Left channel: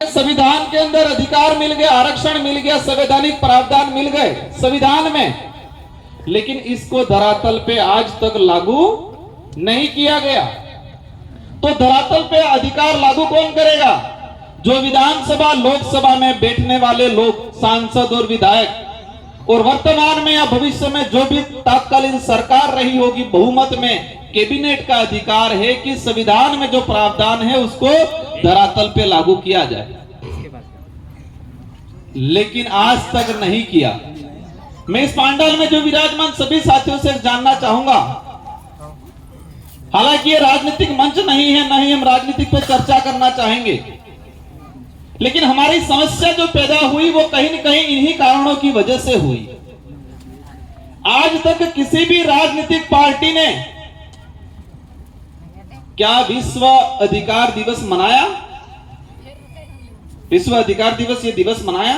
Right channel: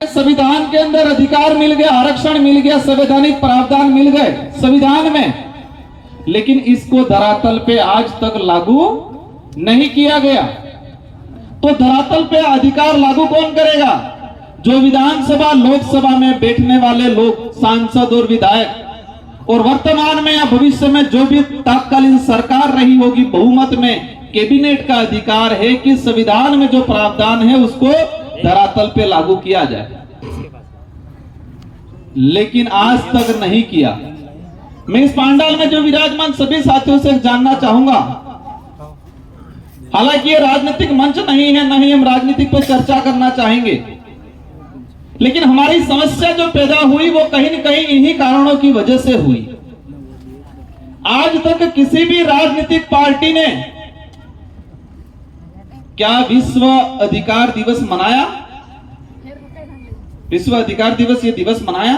संविधान के अंदर अधिकार मिल गया, आरक्षण मिल गया, संवैधानिक प्रावधान मिल गए संविधान में, लेकिन इसको धरातल पे आज तक लागू नहीं किया गया। तो धरातल पे अधिकार लागू कौन करेगा? जो विधानसभा लोकसभा में बैठने वाले लोग, सांसद और विधायक, और वर्तमान में या भविष्य में जो भी तात्कालीन सरकार रही होगी बहुमत में, कैबिनेट का अधिकार है कि संविधान में जो प्रावधान है उसको धरातल पे लागू किया जाए, लेकिन आज तक नहीं किया। मैं इस पांडाल में जो विराजमान सभी साथियों से जानना चाहूंगा, हालांकि ये राजनीतिक मंच नहीं है, न ही हम राजनीतिक पे चर्चा करना चाहेंगे, लेकिन हमारी समस्या जो पैदा हुई वो कहीं न कहीं इन्हीं कारणों की वजह से हुई। आज तक किसी भी राजनीतिक पार्टी ने क्या विश्व अधिकार दिवस मनाया? विश्व अधिकार दिवस ये दिवस मनाया?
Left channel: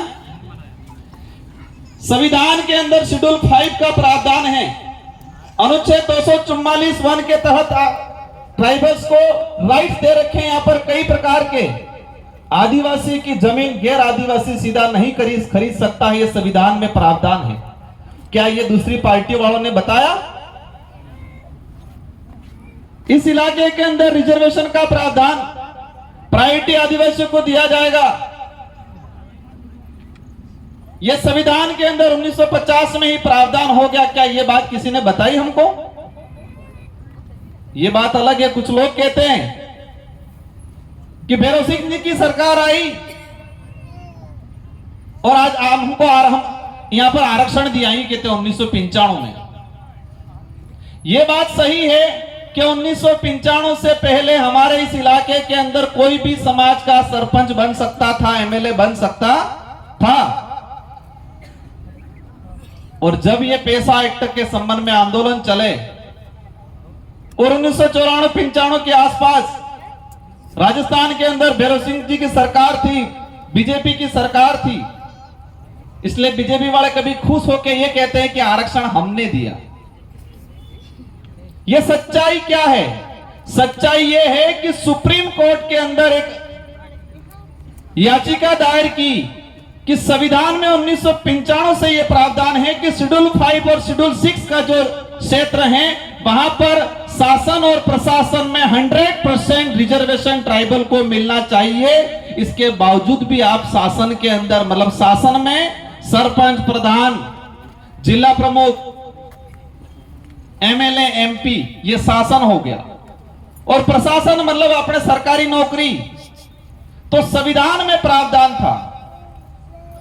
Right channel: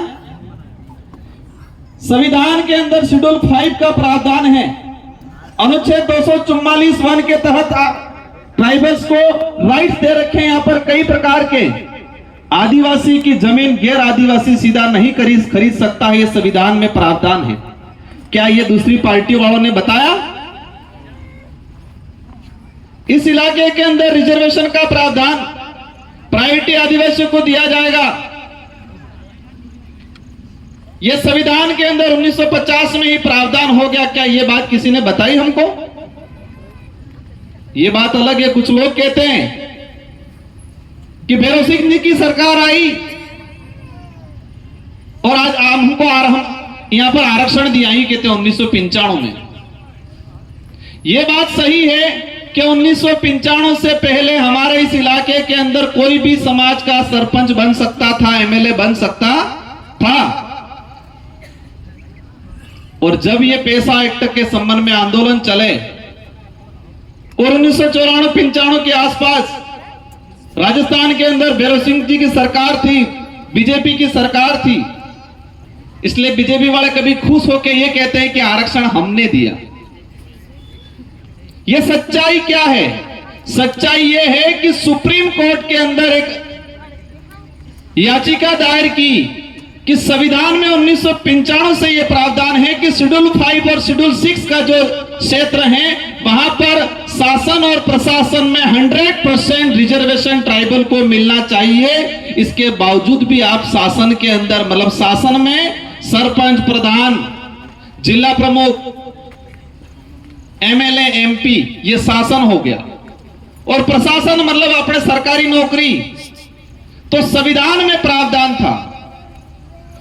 संविधान के अंदर शेड्यूल 5 का प्रावधान है, अनुच्छेद 244(1) के तहत ट्राइबल्स को राइट्स दे रखे हैं। यहाँ पर कई प्रकार के आदिवासी की जमीन गैर आदिवासी सीधा नहीं खरीद सकता है, ये संविधान में प्रावधान है। क्या ये दूसरी पार्टी वालों ने बताया? इस इलाके के अंदर रिजर्वेशन का प्रावधान प्रायोरिटी आदिवासियों को दिया जाएगा, यह संविधान के अंदर 1950 में ही प्रावधान हो गया। क्या यह बात किसी ने बताई हमको? यह बात अलग है। कुछ लोग कहते हैं कि भैरव सिंह जी की सरकार आई और आज हमको हम यहां पर आरक्षण दिया ही, कहते हैं 1995 में। यह बात सही है कि 1995 से पहले हमारे इस इलाके के अंदर कोई भी समाज का सरपंच बन सकता था, एमएलए बन सकता था। और जब ये पैसा एक्ट के संबंध में आंदोलन चले और 1994-95 के आसपास राजस्थान के अंदर भैरव सिंह जी की सरकार थी, बीजेपी की सरकार थी, इसलिए बीजेपी वाले कभी खुश होकर ये कहते हैं कि आरक्षण हमने दिया। ये सच्चाई क्या है? सच्चाई ये है कि सुप्रीम कोर्ट के अंदर एक याचिका दायर की कि संविधान में 1995 से यह प्रावधान है कि शेड्यूल 5 और शेड्यूल 6 का जो क्षेत्र है वहां पर शासन और प्रशासन में 100% रिजर्वेशन ट्राइबल को मिलना चाहिए। इसके बावजूद भी आप शासन के अंदर, मतलब शासन में सरपंच, प्रधान, जिला प्रमुख, एमएलए, एमपी, ये शासन हो गया, और प्रशासन मतलब अपने सरकारी नौकरी। तो संविधान में प्रावधान था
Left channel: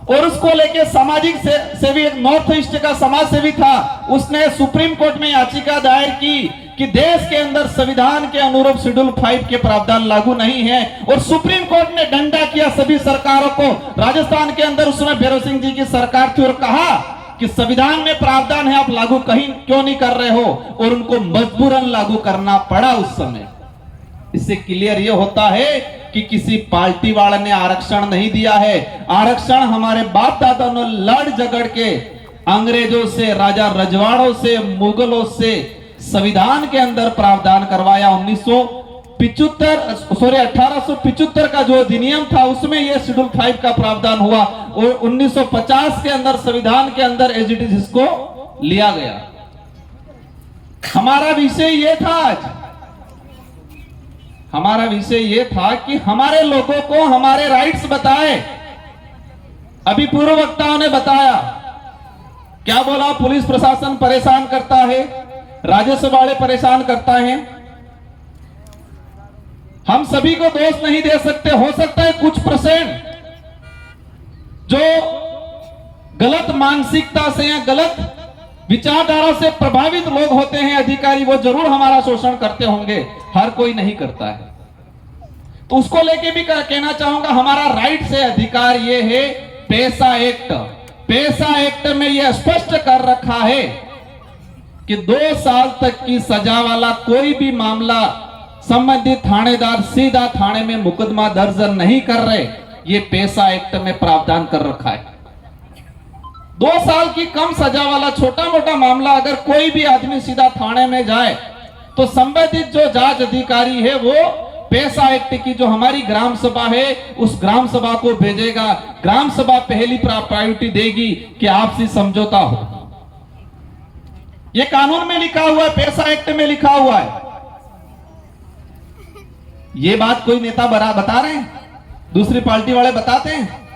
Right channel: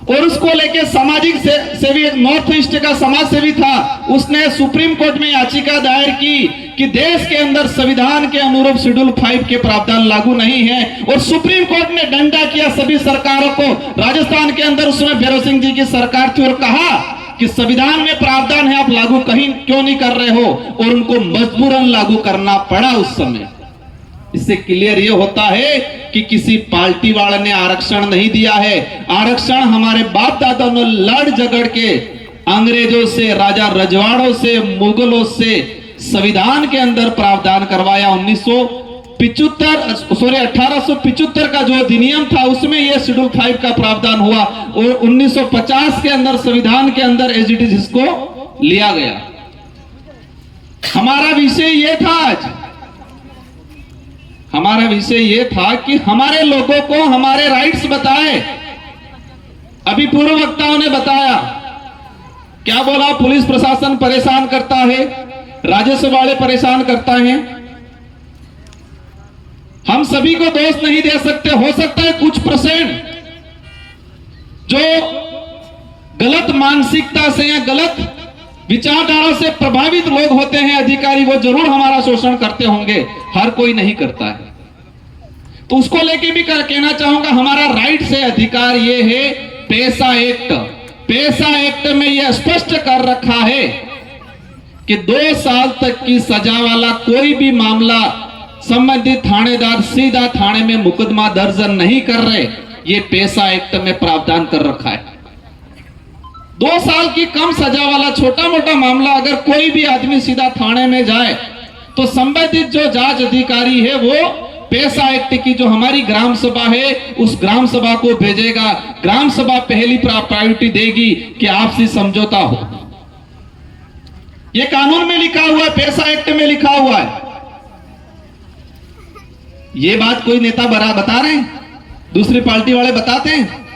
और उसको लेके सामाजिक सेवी, नॉर्थ ईस्ट का समाज सेवी था, उसने सुप्रीम कोर्ट में याचिका दायर की कि देश के अंदर संविधान के अनुरूप शेड्यूल 5 के प्रावधान लागू नहीं है। और सुप्रीम कोर्ट ने डंडा किया सभी सरकारों को। राजस्थान के अंदर उसमें भैरव सिंह जी की सरकार थी और कहा कि संविधान में प्रावधान है, आप लागू कहीं क्यों नहीं कर रहे हो? और उनको मजबूरन लागू करना पड़ा उस समय। इससे क्लियर ये होता है कि किसी पार्टी वाले ने आरक्षण नहीं दिया है। आरक्षण हमारे बाप दादा ने लड़ झगड़ के अंग्रेजों से, राजा रजवाड़ों से, मुगलों से संविधान के अंदर प्रावधान करवाया। 1875 का जो अधिनियम था उसमें यह शेड्यूल 5 का प्रावधान हुआ और 1950 के अंदर संविधान के अंदर एज इट इज इसको लिया गया। हमारा विषय यह था आज, हमारा विषय यह था कि हमारे लोगों को हमारे राइट्स बताए। अभी पूर्व वक्ताओं ने बताया, क्या बोला? पुलिस प्रशासन परेशान करता है, राजस्व वाले परेशान करता है। हम सभी को दोष नहीं दे सकते, हो सकता है कुछ % जो गलत मानसिकता से या गलत विचारधारा से प्रभावित लोग होते हैं, अधिकारी, वो जरूर हमारा शोषण करते होंगे, हर कोई नहीं करता है। तो उसको लेके भी कहना चाहूंगा, हमारा राइट से अधिकार ये है। पैसा एक्ट, पैसा एक्ट में यह स्पष्ट कर रखा है कि 2 साल तक की सजा वाला कोई भी मामला संबंधित थानेदार सीधा थाने में मुकदमा दर्ज नहीं कर रहे, ये पैसा एक्ट में प्रावधान कर रखा है। 2 साल की कम सजा वाला छोटा मोटा मामला अगर कोई भी आदमी सीधा थाने में जाए तो संबंधित जो जांच अधिकारी है वो पैसा एक्ट की जो हमारी ग्राम सभा है उस ग्राम सभा को भेजेगा। ग्राम सभा पहली प्रायोरिटी देगी कि आपसी समझौता हो। यह कानून में लिखा हुआ है, पैसा एक्ट में लिखा हुआ है। ये बात कोई नेता बता रहे हैं, दूसरी पार्टी वाले बताते हैं।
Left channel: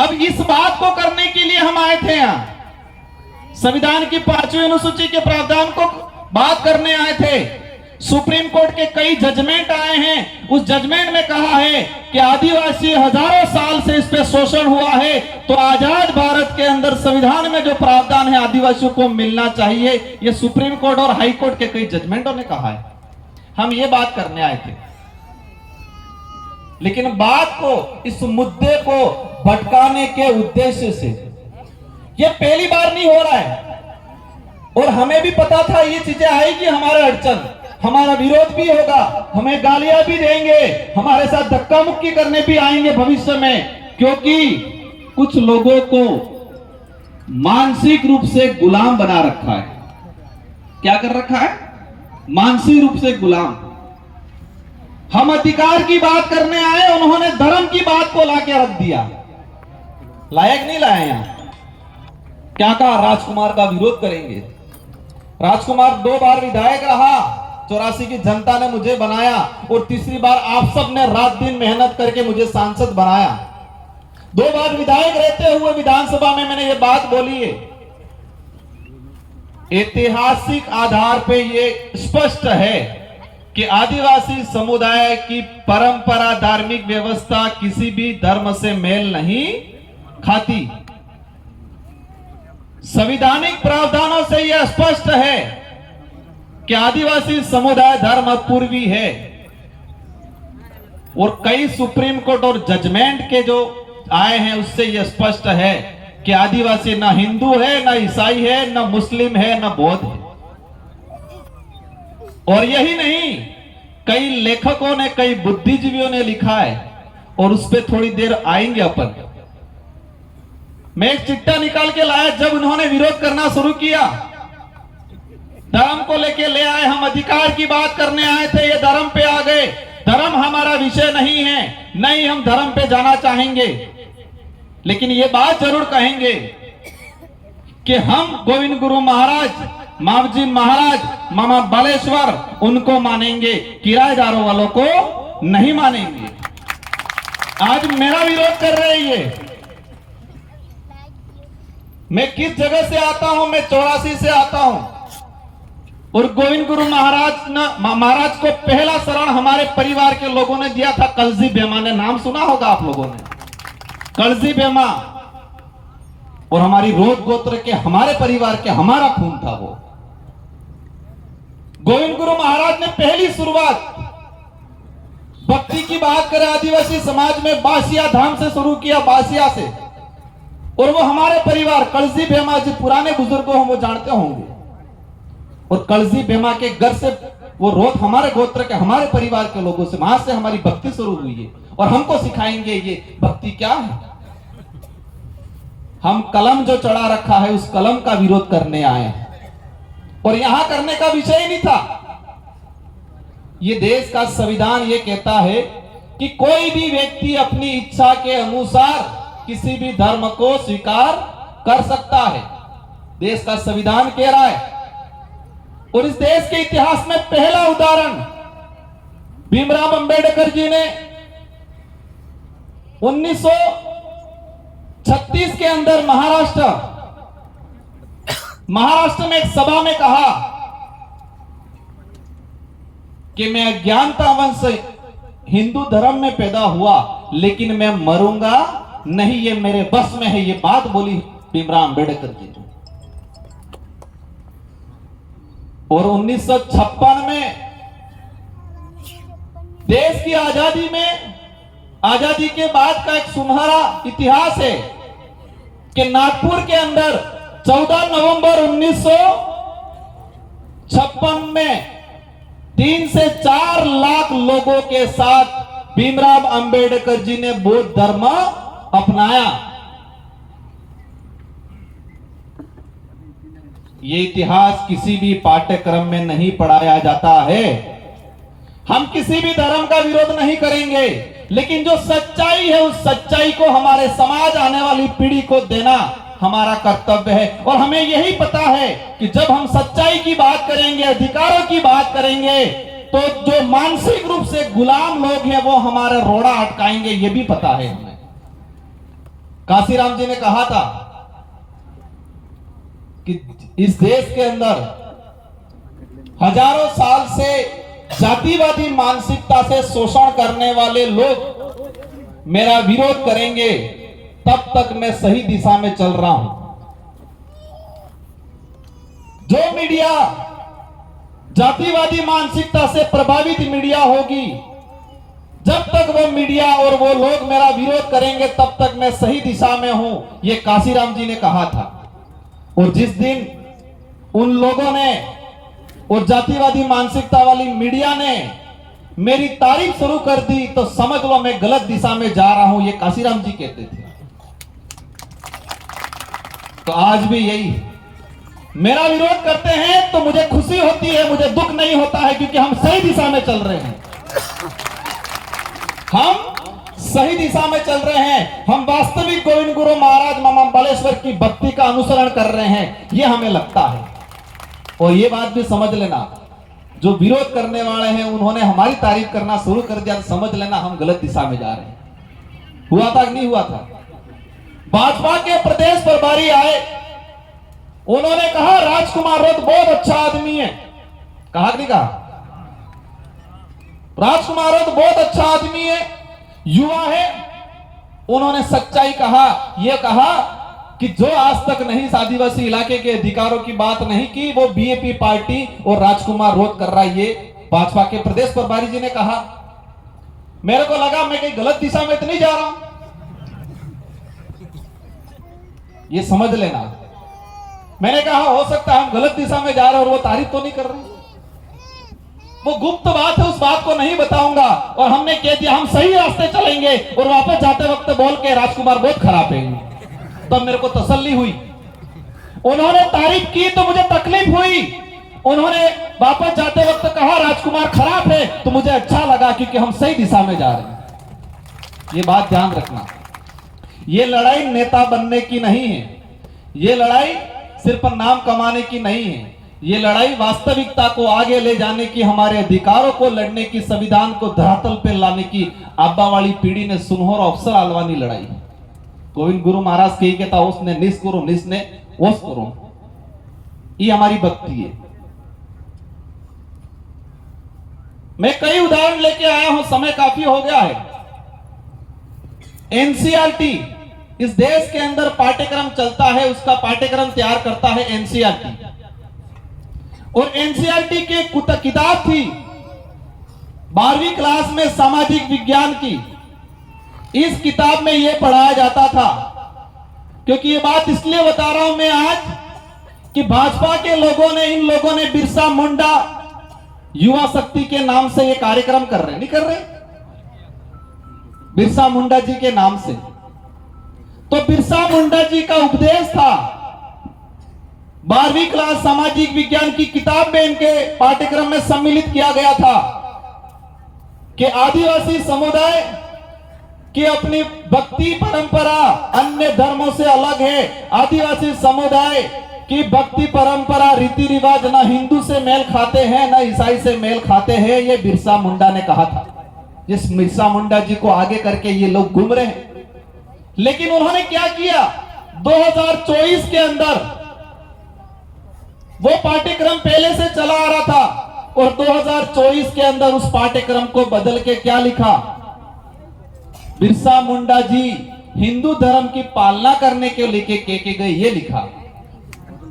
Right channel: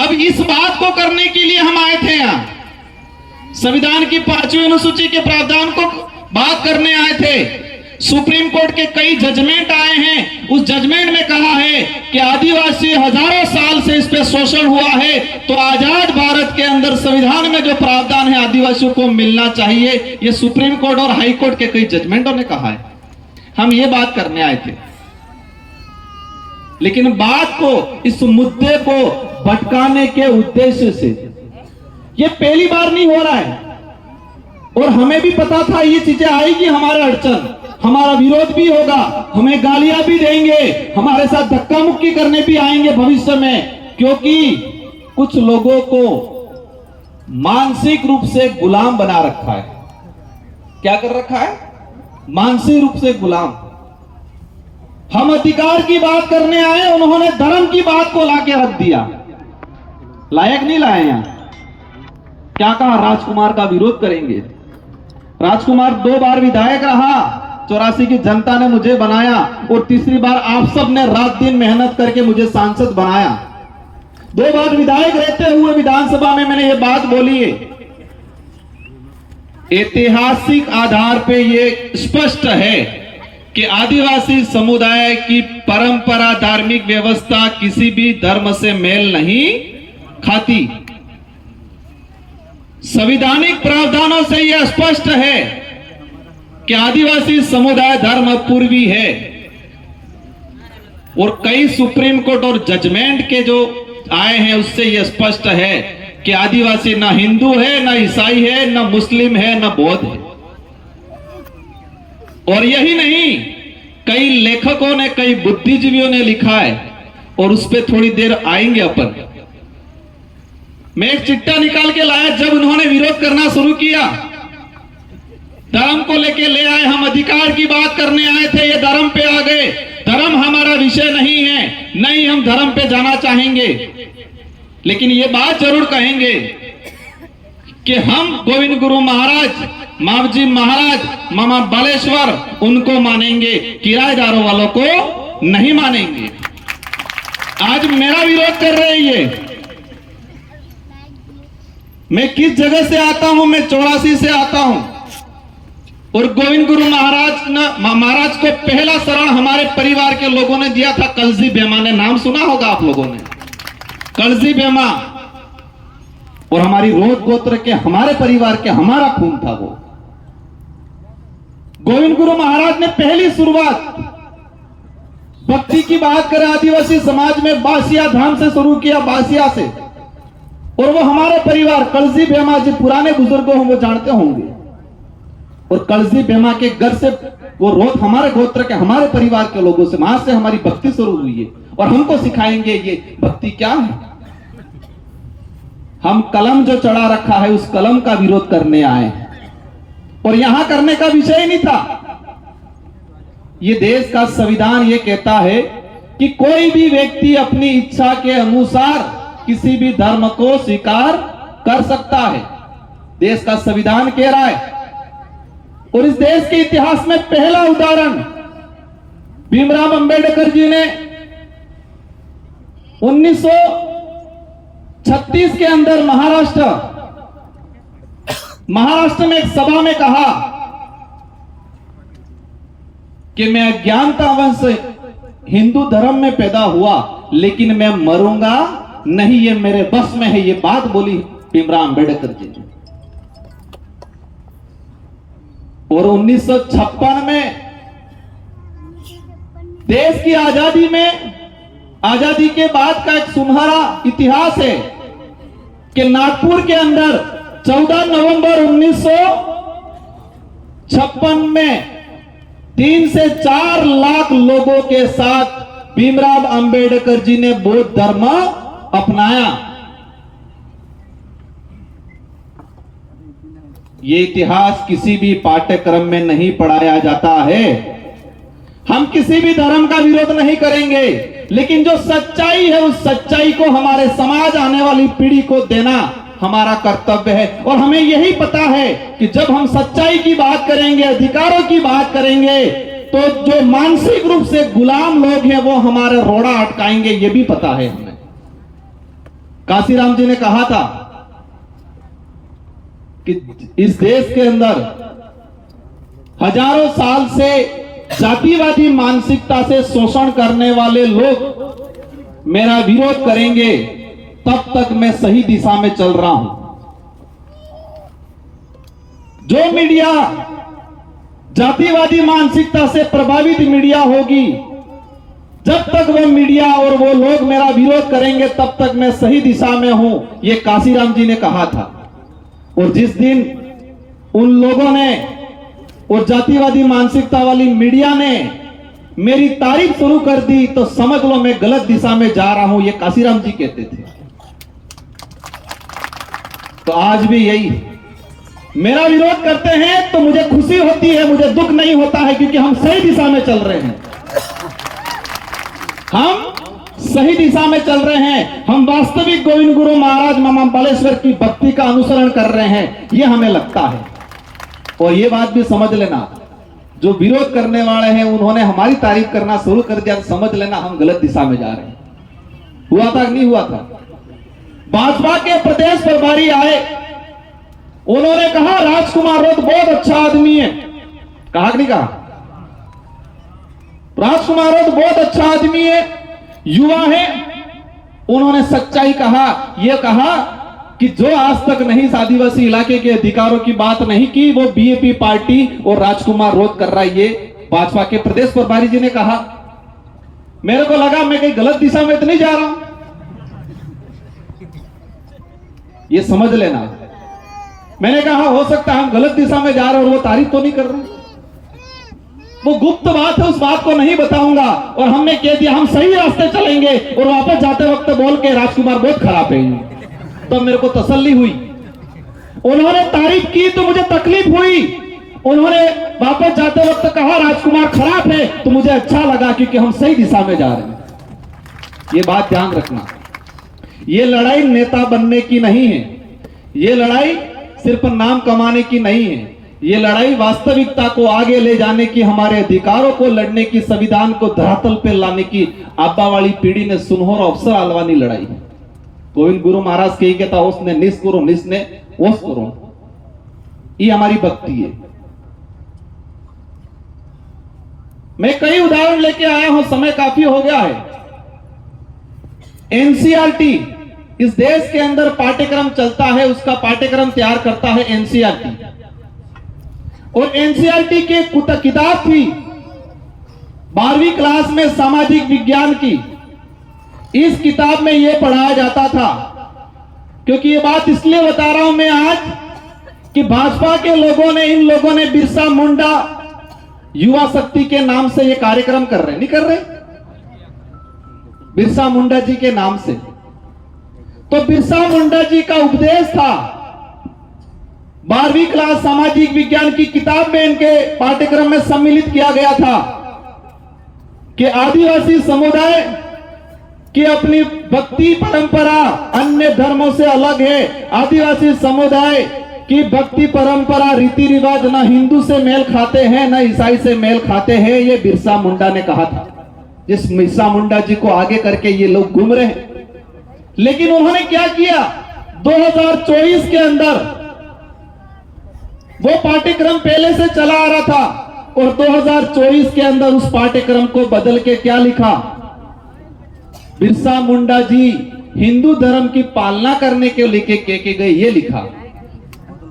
अब इस बात को करने के लिए हम आए थे यहां, संविधान की 5वीं अनुसूची के प्रावधान को बात करने आए थे। सुप्रीम कोर्ट के कई जजमेंट आए हैं, उस जजमेंट में कहा है कि आदिवासी हजारों साल से इस पे शोषण हुआ है, तो आजाद भारत के अंदर संविधान में जो प्रावधान है आदिवासियों को मिलना चाहिए। ये सुप्रीम कोर्ट और हाई कोर्ट के कई जजमेंटों ने कहा है। हम ये बात करने आए थे, लेकिन बात को, इस मुद्दे को भटकाने के उद्देश्य से, ये पहली बार नहीं हो रहा है और हमें भी पता था ये चीजें आएगी, हमारे अड़चन, हमारा विरोध भी होगा, हमें गालियां भी देंगे, हमारे साथ धक्का मुक्की करने भी आएंगे भविष्य में, क्योंकि कुछ लोगों को मानसिक रूप से गुलाम बना रखा है। क्या कर रखा है? मानसिक रूप से गुलाम। हम अधिकार की बात करने आए, उन्होंने धर्म की बात को लाके रख दिया। लायक नहीं लाए यहां। क्या कहा? राजकुमार का विरोध करेंगे। राजकुमार 2 बार विधायक रहा, 84 की जनता ने मुझे बनाया और तीसरी बार आप सब ने रात दिन मेहनत करके मुझे सांसद बनाया। 2 बार विधायक रहते हुए विधानसभा में मैंने ये बात बोली है। ऐतिहासिक आधार पे ये स्पष्ट है कि आदिवासी समुदाय की परंपरा, धार्मिक व्यवस्था किसी भी धर्म से मेल नहीं खाती। संवैधानिक प्रावधानों से यह स्पष्ट है कि आदिवासी समुदाय धर्म पूर्वी है और कई सुप्रीम कोर्ट और जजमेंट के जो आए हैं उससे यह स्पष्ट है कि आदिवासी ना हिंदू है, ना ईसाई है, ना मुस्लिम है, ना बौद्ध है। और यही नहीं, कई लेखकों ने, कई बुद्धिजीवियों ने लिखा है और उस पर थोड़ी देर आएंगे अपन। मैं एक चिट्ठा निकाल के लाया, जब उन्होंने विरोध करना शुरू किया, धर्म को लेके ले आए, हम अधिकार की बात करने आए थे, ये धर्म पे आ गए। धर्म हमारा विषय नहीं है, नहीं हम धर्म पे जाना चाहेंगे, लेकिन ये बात जरूर कहेंगे कि हम गोविंद गुरु महाराज, मावजी महाराज, मामा बालेश्वर, उनको मानेंगे, किराएदारों वालों को नहीं मानेंगे। आज मेरा विरोध कर रहे हैं ये। मैं किस जगह से आता हूं? मैं 84 से आता हूं और गोविंद गुरु महाराज को पहला शरण हमारे परिवार के लोगों ने दिया था। कलजी बेमा ने नाम सुना होगा आप लोगों ने, कलजी बेमा। और हमारी रोग गोत्र के, हमारे परिवार के, हमारा खून था वो। गोविंद गुरु महाराज ने पहली शुरुआत भक्ति की बात करें आदिवासी समाज में बासिया धाम से शुरू किया, बासिया से। और वो हमारे परिवार कलजी बेमा, जो पुराने बुजुर्गों हम वो जानते होंगे, और कलजी बेमा के घर से वो रोग हमारे गोत्र के, हमारे परिवार के लोगों से, वहां से हमारी भक्ति शुरू हुई है। और हमको सिखाएंगे ये भक्ति क्या है। हम कलम जो चढ़ा रखा है उस कलम का विरोध करने आए, और यहां करने का विषय ही नहीं था। ये देश का संविधान ये कहता है कि कोई भी व्यक्ति अपनी इच्छा के अनुसार किसी भी धर्म को स्वीकार कर सकता है, देश का संविधान कह रहा है। और इस देश के इतिहास में पहला उदाहरण भीमराव अंबेडकर जी ने 1936 के अंदर महाराष्ट्र में एक सभा में कहा कि मैं अज्ञानता वंश हिंदू धर्म में पैदा हुआ, लेकिन मैं मरूंगा नहीं, ये मेरे बस में है। ये बात बोली भीमराव अंबेडकर जी ने। और 1956 में देश की आजादी में, आजादी के बाद का एक सुनहरा इतिहास है कि नागपुर के अंदर 14 नवंबर 1956 में 3 से 4 लाख लोगों के साथ भीमराव अंबेडकर जी ने बौद्ध धर्म अपनाया। ये इतिहास किसी भी पाठ्यक्रम में नहीं पढ़ाया जाता है। हम किसी भी धर्म का विरोध नहीं करेंगे, लेकिन जो सच्चाई है उस सच्चाई को हमारे समाज आने वाली पीढ़ी को देना हमारा कर्तव्य है। और हमें यही पता है कि जब हम सच्चाई की बात करेंगे, अधिकारों की बात करेंगे, तो जो मानसिक रूप से गुलाम लोग हैं वो हमारे रोड़ा अटकाएंगे, ये भी पता है हमें। काशीराम जी ने कहा था कि इस देश के अंदर हजारों साल से जातिवादी मानसिकता से शोषण करने वाले लोग मेरा विरोध करेंगे, तब तक मैं सही दिशा में चल रहा हूं। जो मीडिया जातिवादी मानसिकता से प्रभावित मीडिया होगी, जब तक वो मीडिया और वो लोग मेरा विरोध करेंगे तब तक मैं सही दिशा में हूं, ये काशीराम जी ने कहा था। और जिस दिन उन लोगों ने और जातिवादी मानसिकता वाली मीडिया ने मेरी तारीफ शुरू कर दी तो समझ लो मैं गलत दिशा में जा रहा हूं, ये काशीराम जी कहते थे। तो आज भी यही मेरा विरोध करते हैं तो मुझे खुशी होती है, मुझे दुख नहीं होता है, क्योंकि हम सही दिशा में चल रहे हैं। हम सही दिशा में चल रहे हैं, हम वास्तविक गोविंद गुरु महाराज मामा बालेश्वर की भक्ति का अनुसरण कर रहे हैं, यह हमें लगता है। और ये बात भी समझ लेना, जो विरोध करने वाले हैं उन्होंने हमारी तारीफ करना शुरू कर दिया, समझ लेना हम गलत दिशा में जा रहे हैं। हुआ था कि नहीं हुआ था? भाजपा के प्रदेश प्रभारी आए, उन्होंने कहा राजकुमार रोध बहुत अच्छा आदमी है। कहा कि नहीं कहा? राजकुमार रोध बहुत अच्छा आदमी है, युवा है। उन्होंने सच्चाई कहा, यह कहा कि जो आज तक नहीं आदिवासी इलाके के अधिकारों की बात नहीं की, वो बीएपी पार्टी और राजकुमार रोध कर रहा है, ये भाजपा के प्रदेश प्रभारी जी ने कहा। मेरे को लगा मैं कहीं गलत दिशा में तो नहीं जा रहा हूं, ये समझ लेना। मैंने कहा हो सकता है हम गलत दिशा में जा रहे और वो तारीफ तो नहीं कर रहे, वो गुप्त बात है, उस बात को नहीं बताऊंगा। और हमने कह दिया हम सही रास्ते चलेंगे, और वापस जाते वक्त बोल के राजकुमार बहुत खराब है। तब मेरे को तसल्ली हुई। उन्होंने तारीफ की तो मुझे तकलीफ हुई, उन्होंने वापस जाते वक्त कहा राजकुमार खराब है तो मुझे अच्छा लगा, क्योंकि हम सही दिशा में जा रहे हैं। ये बात ध्यान रखना, ये लड़ाई नेता बनने की नहीं है, ये लड़ाई सिर्फ नाम कमाने की नहीं है, ये लड़ाई वास्तविकता को आगे ले जाने की, हमारे अधिकारों को लड़ने की, संविधान को धरातल पर लाने की आबा वाली पीढ़ी ने सुनहरा अवसर आलवानी लड़ाई है। गोविंद गुरु महाराज कही कहता उसने निस करो, निस ने ओस करो, ये हमारी भक्ति है। मैं कई उदाहरण लेके आया हूं, समय काफी हो गया है। एनसीईआरटी, इस देश के अंदर पाठ्यक्रम चलता है, उसका पाठ्यक्रम तैयार करता है एनसीईआरटी। और एनसीईआरटी के किताब थी 12वीं क्लास में सामाजिक विज्ञान की। इस किताब में यह पढ़ाया जाता था, क्योंकि ये बात इसलिए बता रहा हूं मैं आज कि भाजपा के लोगों ने, इन लोगों ने बिरसा मुंडा युवा शक्ति के नाम से ये कार्यक्रम कर रहे, नहीं कर रहे, बिरसा मुंडा जी के नाम से। तो बिरसा मुंडा जी का उपदेश था 12वीं क्लास सामाजिक विज्ञान की किताब में, इनके पाठ्यक्रम में सम्मिलित किया गया था कि आदिवासी समुदाय की अपनी भक्ति परंपरा अन्य धर्मों से अलग है। आदिवासी समुदाय की भक्ति परंपरा, रीति रिवाज ना हिंदू से मेल खाते हैं, ना ईसाई से मेल खाते हैं, ये बिरसा मुंडा ने कहा था। जिस बिरसा मुंडा जी को आगे करके ये लोग घूम रहे हैं। लेकिन उन्होंने क्या किया, 2024 के अंदर वो पाठ्यक्रम पहले से चला आ रहा था, और 2024 के अंदर उस पाठ्यक्रम को बदल के क्या लिखा, बिरसा मुंडा जी हिंदू धर्म की पालना करने के लेके के गए, ये लिखा।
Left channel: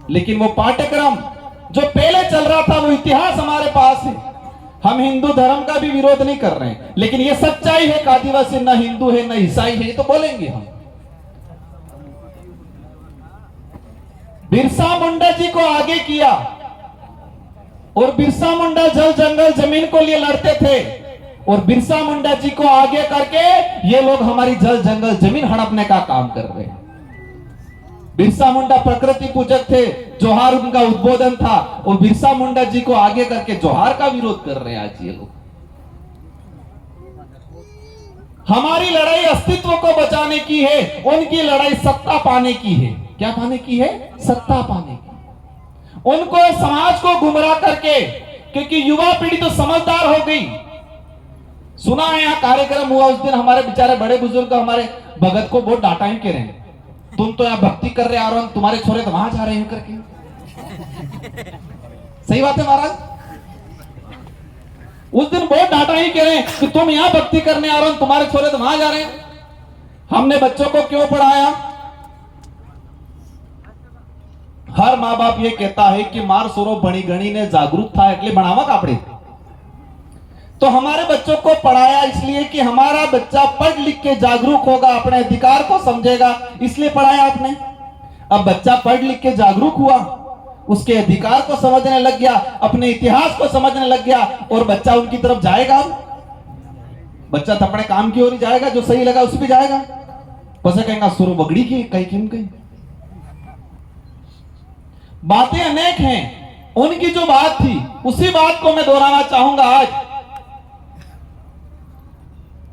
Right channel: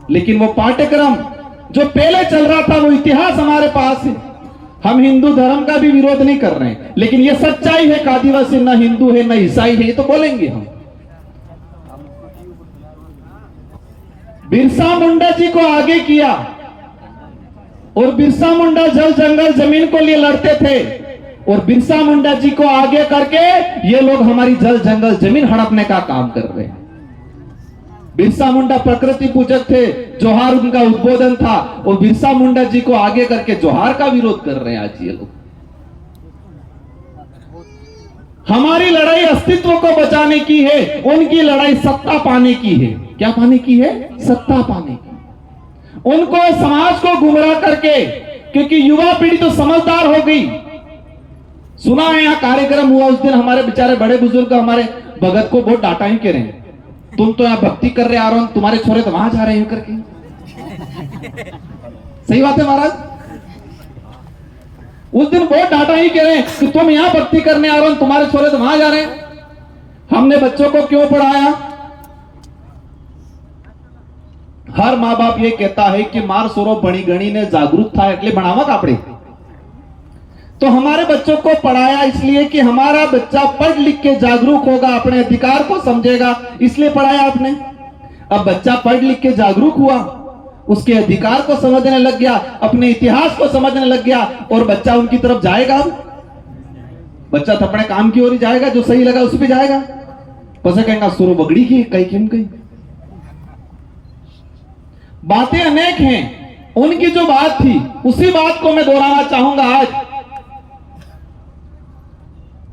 लेकिन वो पाठ्यक्रम जो पहले चल रहा था, वो इतिहास हमारे पास है। हम हिंदू धर्म का भी विरोध नहीं कर रहे हैं, लेकिन ये सच्चाई है कि आदिवासी न हिंदू है न ईसाई है, ये तो बोलेंगे हम। बिरसा मुंडा जी को आगे किया, और बिरसा मुंडा जल जंगल जमीन को लिए लड़ते थे, और बिरसा मुंडा जी को आगे करके ये लोग हमारी जल जंगल जमीन हड़पने का काम कर रहे हैं। बिरसा मुंडा प्रकृति पूजक थे, जोहार उनका उद्बोधन था, और बिरसा मुंडा जी को आगे करके जोहार का विरोध कर रहे हैं आज ये लोग। हमारी लड़ाई अस्तित्व को बचाने की है, उनकी लड़ाई सत्ता पाने की है। क्या पाने की है? सत्ता पाने की। उनको समाज को गुमराह करके, क्योंकि युवा पीढ़ी तो समझदार हो गई। सुना है यहाँ कार्यक्रम हुआ उस दिन, हमारे बेचारे बड़े बुजुर्ग हमारे भगत को बहुत डांटा ही कह रहे हैं, तुम तो यहाँ भक्ति कर रहे आ रहे हो, तुम्हारे छोरे तो वहां जा रहे हैं करके। सही बात है महाराज, उस दिन बहुत डांटा ही कह रहे हैं कि तुम यहां भक्ति करने आ रहे हो, तुम्हारे छोरे तो वहां जा रहे हैं। हमने बच्चों को क्यों पढ़ाया? हर माँ बाप ये कहता है कि मार सोरो बड़ी गणी ने जागरूक था એટલે ભણાવવા કાપડે। तो हमारे बच्चों को पढ़ाया इसलिए कि हमारा बच्चा पढ़ लिख के जागरूक होगा, अपने अधिकार को समझेगा, इसलिए पढ़ाया आपने। अब बच्चा पढ़ लिख के जागरूक हुआ, उसके अधिकार को समझने लग गया, अपने इतिहास को समझने लग गया, और बच्चा उनकी तरफ जाएगा। बच्चा तो अपने काम की ओर ही जाएगा, जो सही लगा उस पे जाएगा। पसे कहेंगे सुरो बगड़ी की कहीं किम कहीं। बातें अनेक हैं, उनकी जो बात थी उसी बात को मैं दोहराना चाहूंगा। आज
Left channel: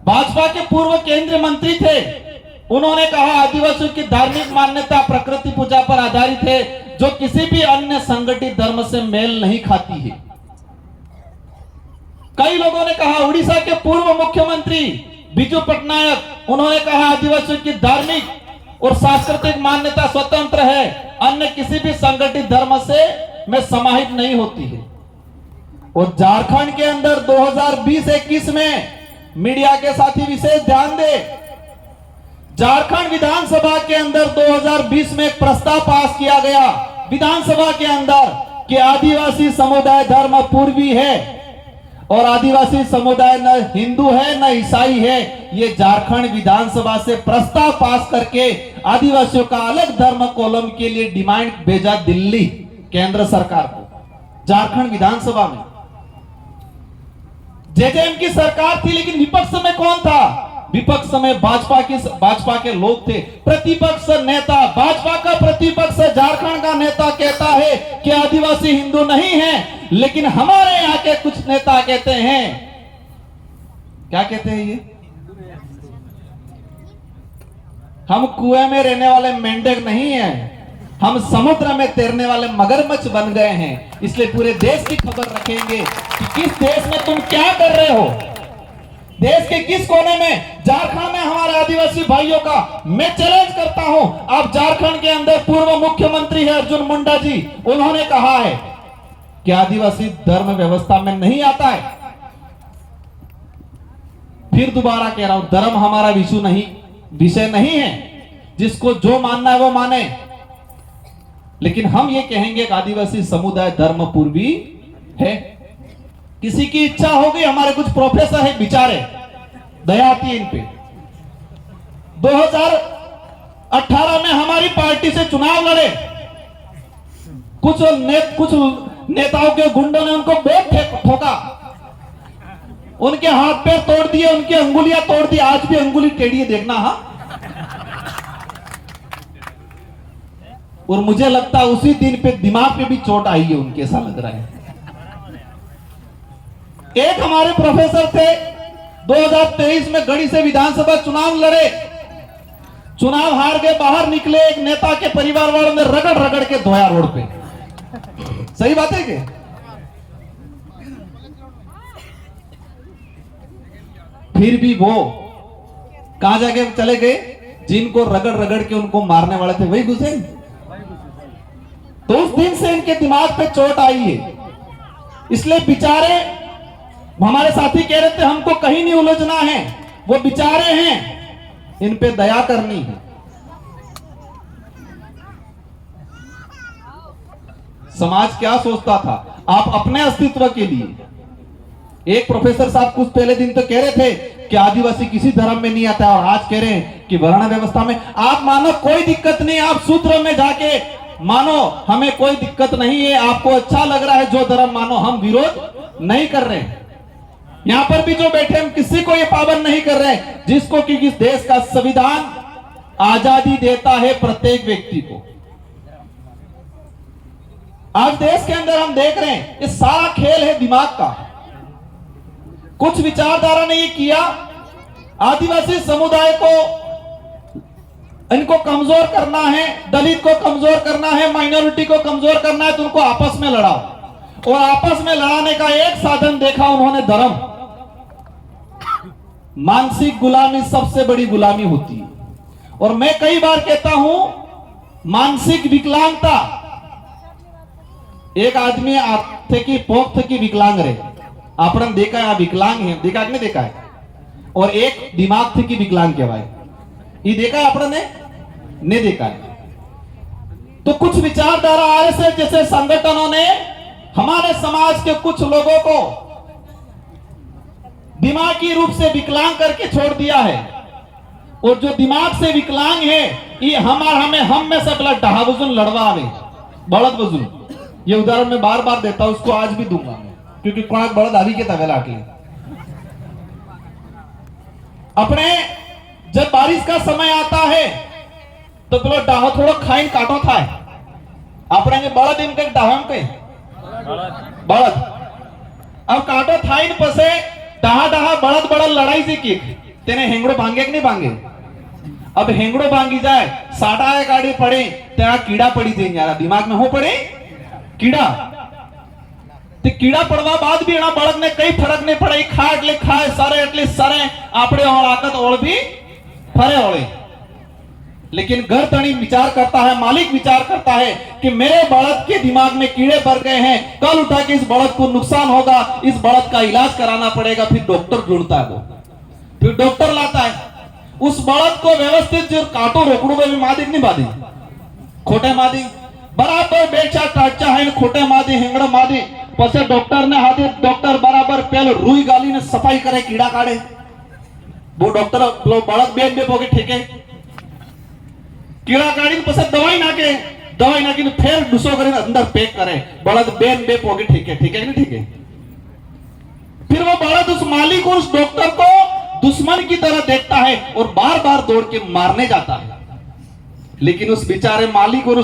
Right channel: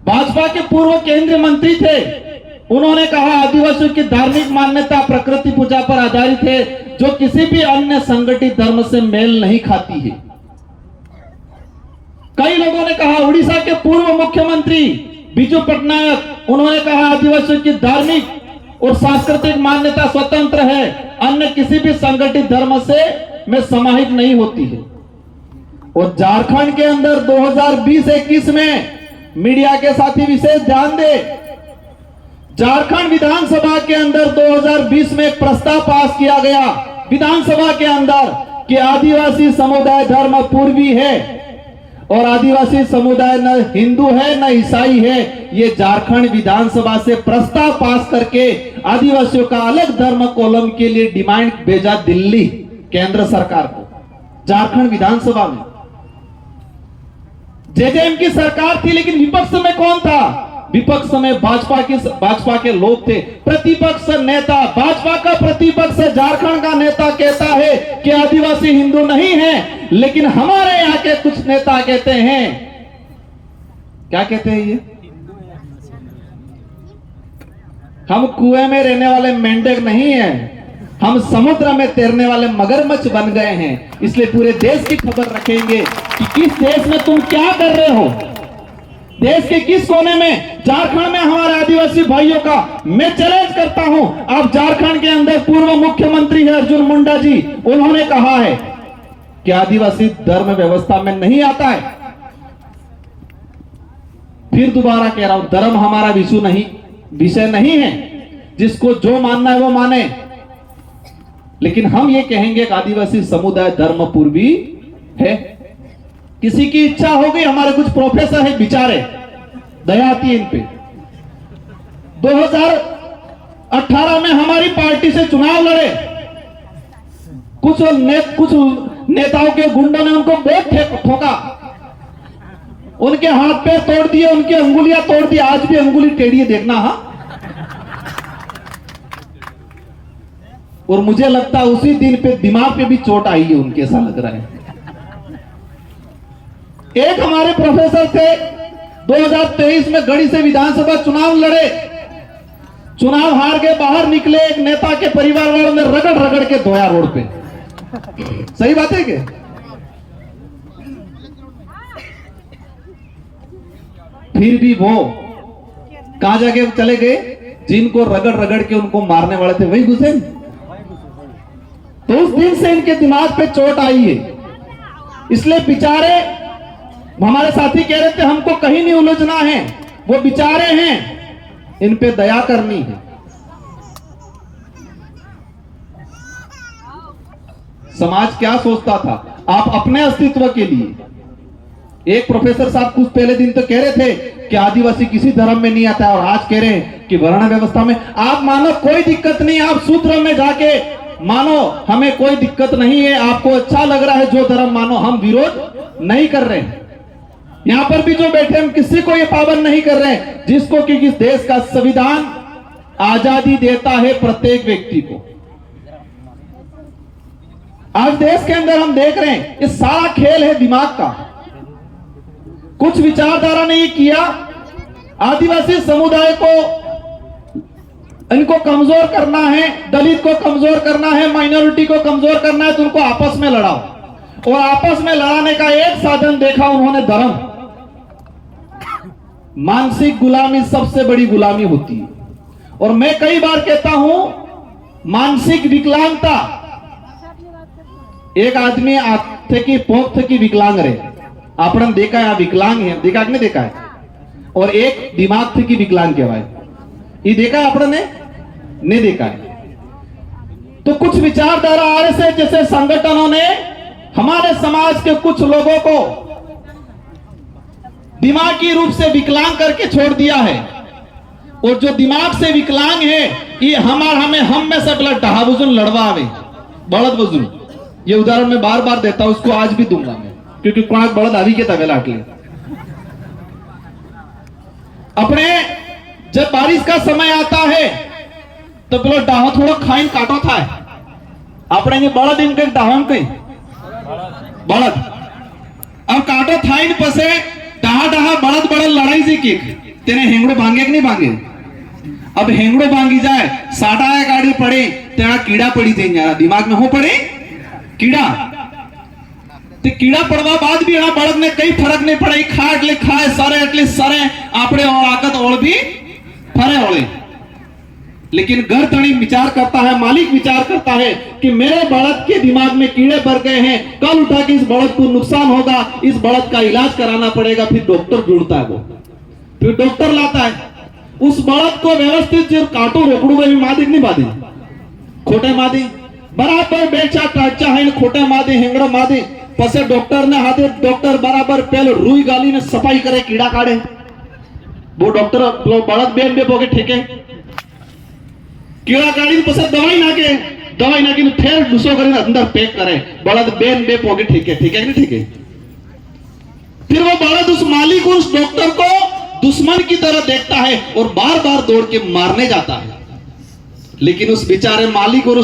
भाजपा के पूर्व केंद्रीय मंत्री थे, उन्होंने कहा आदिवासियों की धार्मिक मान्यता प्रकृति पूजा पर आधारित है, जो किसी भी अन्य संगठित धर्म से मेल नहीं खाती है। कई लोगों ने कहा, उड़ीसा के पूर्व मुख्यमंत्री बिजू पटनायक, उन्होंने कहा आदिवासियों की धार्मिक और सांस्कृतिक मान्यता स्वतंत्र है, अन्य किसी भी संगठित धर्म से में समाहित नहीं होती है। और झारखंड के अंदर 2020-21 में मीडिया के साथी विशेष ध्यान दे, झारखंड विधानसभा के अंदर 2020 में एक प्रस्ताव पास किया गया विधानसभा के अंदर कि आदिवासी समुदाय धर्म पूर्वी है और आदिवासी समुदाय न हिंदू है न ईसाई है। ये झारखंड विधानसभा से प्रस्ताव पास करके आदिवासियों का अलग धर्म कॉलम के लिए डिमांड भेजा दिल्ली केंद्र सरकार को। झारखंड विधानसभा में जेजेएम की सरकार थी, लेकिन विपक्ष में कौन था? विपक्ष में भाजपा के लोग थे। प्रतिपक्ष नेता, भाजपा का प्रतिपक्ष झारखंड का नेता कहता है कि आदिवासी हिंदू नहीं है, लेकिन हमारे यहाँ के कुछ नेता कहते हैं, क्या कहते हैं ये? हम कुएं में रहने वाले मेंढक नहीं हैं, हम समुद्र में तैरने वाले मगरमच्छ बन गए हैं। इसलिए पूरे देश की खबर रखेंगे कि किस देश में तुम क्या कर रहे हो, देश के किस कोने में। झारखंड में हमारे आदिवासी भाइयों का मैं चैलेंज करता हूं। आप झारखंड के अंदर पूर्व मुख्यमंत्री है अर्जुन मुंडा जी, उन्होंने कहा है कि आदिवासी धर्म व्यवस्था में नहीं आता है। फिर दोबारा कह रहा हूं, धर्म हमारा विषय नहीं है, जिसको जो मानना है वो माने, लेकिन हम ये कहेंगे कि आदिवासी समुदाय धर्म पूर्वी है। किसी की इच्छा हो गई, हमारे कुछ प्रोफेसर है बेचारे, दया आती है इन पे। 2018 में हमारी पार्टी से चुनाव लड़े, कुछ नेताओं के गुंडों ने उनको बहुत ठोका, उनके हाथ पैर तोड़ दिए, उनकी अंगुलियां तोड़ दी। आज भी अंगुली टेढ़ी है, देखना। हाँ, और मुझे लगता है उसी दिन पे दिमाग पे भी चोट आई है उनके, ऐसा लग रहा है। एक हमारे प्रोफेसर थे, 2023 में गढ़ी से विधानसभा चुनाव लड़े, चुनाव हार के बाहर निकले, एक नेता के परिवार वालों ने रगड़ रगड़ के धोया रोड पे। सही बात है क्या? फिर भी वो कहां जाके चले गए? जिनको रगड़ रगड़ के उनको मारने वाले थे वही घुसे। तो उस दिन से इनके दिमाग पे चोट आई है। इसलिए बेचारे हमारे साथी कह रहे थे हमको कहीं नहीं उलझना है, वो बेचारे हैं, इन पे दया करनी है। समाज क्या सोचता था आप अपने अस्तित्व के लिए। एक प्रोफेसर साहब कुछ पहले दिन तो कह रहे थे कि आदिवासी किसी धर्म में नहीं आता, और आज कह रहे हैं कि वर्ण व्यवस्था में। आप मानो कोई दिक्कत नहीं, आप सूत्र में जाके मानो, हमें कोई दिक्कत नहीं है। आपको अच्छा लग रहा है जो धर्म मानो, हम विरोध नहीं कर रहे हैं। यहां पर भी जो बैठे हम किसी को ये पाबंद नहीं कर रहे हैं, जिसको कि इस देश का संविधान आजादी देता है प्रत्येक व्यक्ति को। आज देश के अंदर हम देख रहे हैं ये सारा खेल है दिमाग का। कुछ विचारधारा ने ये किया, आदिवासी समुदाय को इनको कमजोर करना है, दलित को कमजोर करना है, माइनॉरिटी को कमजोर करना है, तो उनको आपस में लड़ाओ। और आपस में लड़ाने का एक साधन देखा उन्होंने, धर्म। मानसिक गुलामी सबसे बड़ी गुलामी होती है। और मैं कई बार कहता हूं, मानसिक विकलांगता, एक आदमी थे कि पोख थे कि विकलांग रहे, आपने देखा है विकलांग है, देखा कि नहीं देखा है। और एक दिमाग थे कि विकलांग कहवाए, ये देखा है आपने नहीं देखा है। तो कुछ विचारधारा आरएसए जैसे संगठनों ने हमारे समाज के कुछ लोगों को दिमागी रूप से विकलांग करके छोड़ दिया है। और जो दिमाग से विकलांग है, ये हम में से बला ढहा बुजुन लड़वा आवे, बड़द बुजुन। ये उदाहरण मैं बार बार देता हूं, उसको आज भी दूंगा मैं, क्योंकि कोणाक बड़द आवी के तवेला के अपने जब बारिश का समय आता है तो पेलो डाहो थोड़ा खाइन काटो था, अपने बड़द इनके डाहो के बड़द अब काटो थाइन पसे डाहा डाहा बड़द बड़द लड़ाई से की तेने हेंगड़ो भांगे कि नहीं भांगे। अब हेंगड़ो भांगी जाए, साटा गाड़ी पड़े, तेरा कीड़ा पड़ी थे यार दिमाग में हो पड़े कीड़ा, तो कीड़ा पड़वा बाद भी बड़द ने कई फर्क नहीं पड़े, खा એટલે खाए सारे એટલે सारे आपड़े और आकत और भी फरे ओले। लेकिन घर तणी विचार करता है, मालिक विचार करता है कि मेरे बड़द के दिमाग में कीड़े भर गए हैं, कल उठा के इस बड़द को नुकसान होगा, इस बड़द का इलाज कराना पड़ेगा। फिर डॉक्टर ढूंढता है, वो फिर डॉक्टर लाता है, उस बड़द को व्यवस्थित जो काटो रोकड़ू में मादी नहीं मादी, खोटे मादी बराबर बेचा टाचा है, खोटे मादी हिंगड़ो मादी पसे डॉक्टर ने हाथे डॉक्टर बराबर पहले रुई गाली में सफाई करे, कीड़ा काढ़े। वो डॉक्टर बड़द बेन बे पोके ठेके कीड़ा काढ़ी पसे दवाई नाके फिर डुसो कर अंदर पैक करे, बड़द बेन बे पोके ठेके, ठीक है नहीं ठीक है। फिर वो बड़द उस मालिक और उस डॉक्टर को दुश्मन की तरह देखता है और बार बार दौड़ के मारने जाता है। लेकिन उस बेचारे मालिक और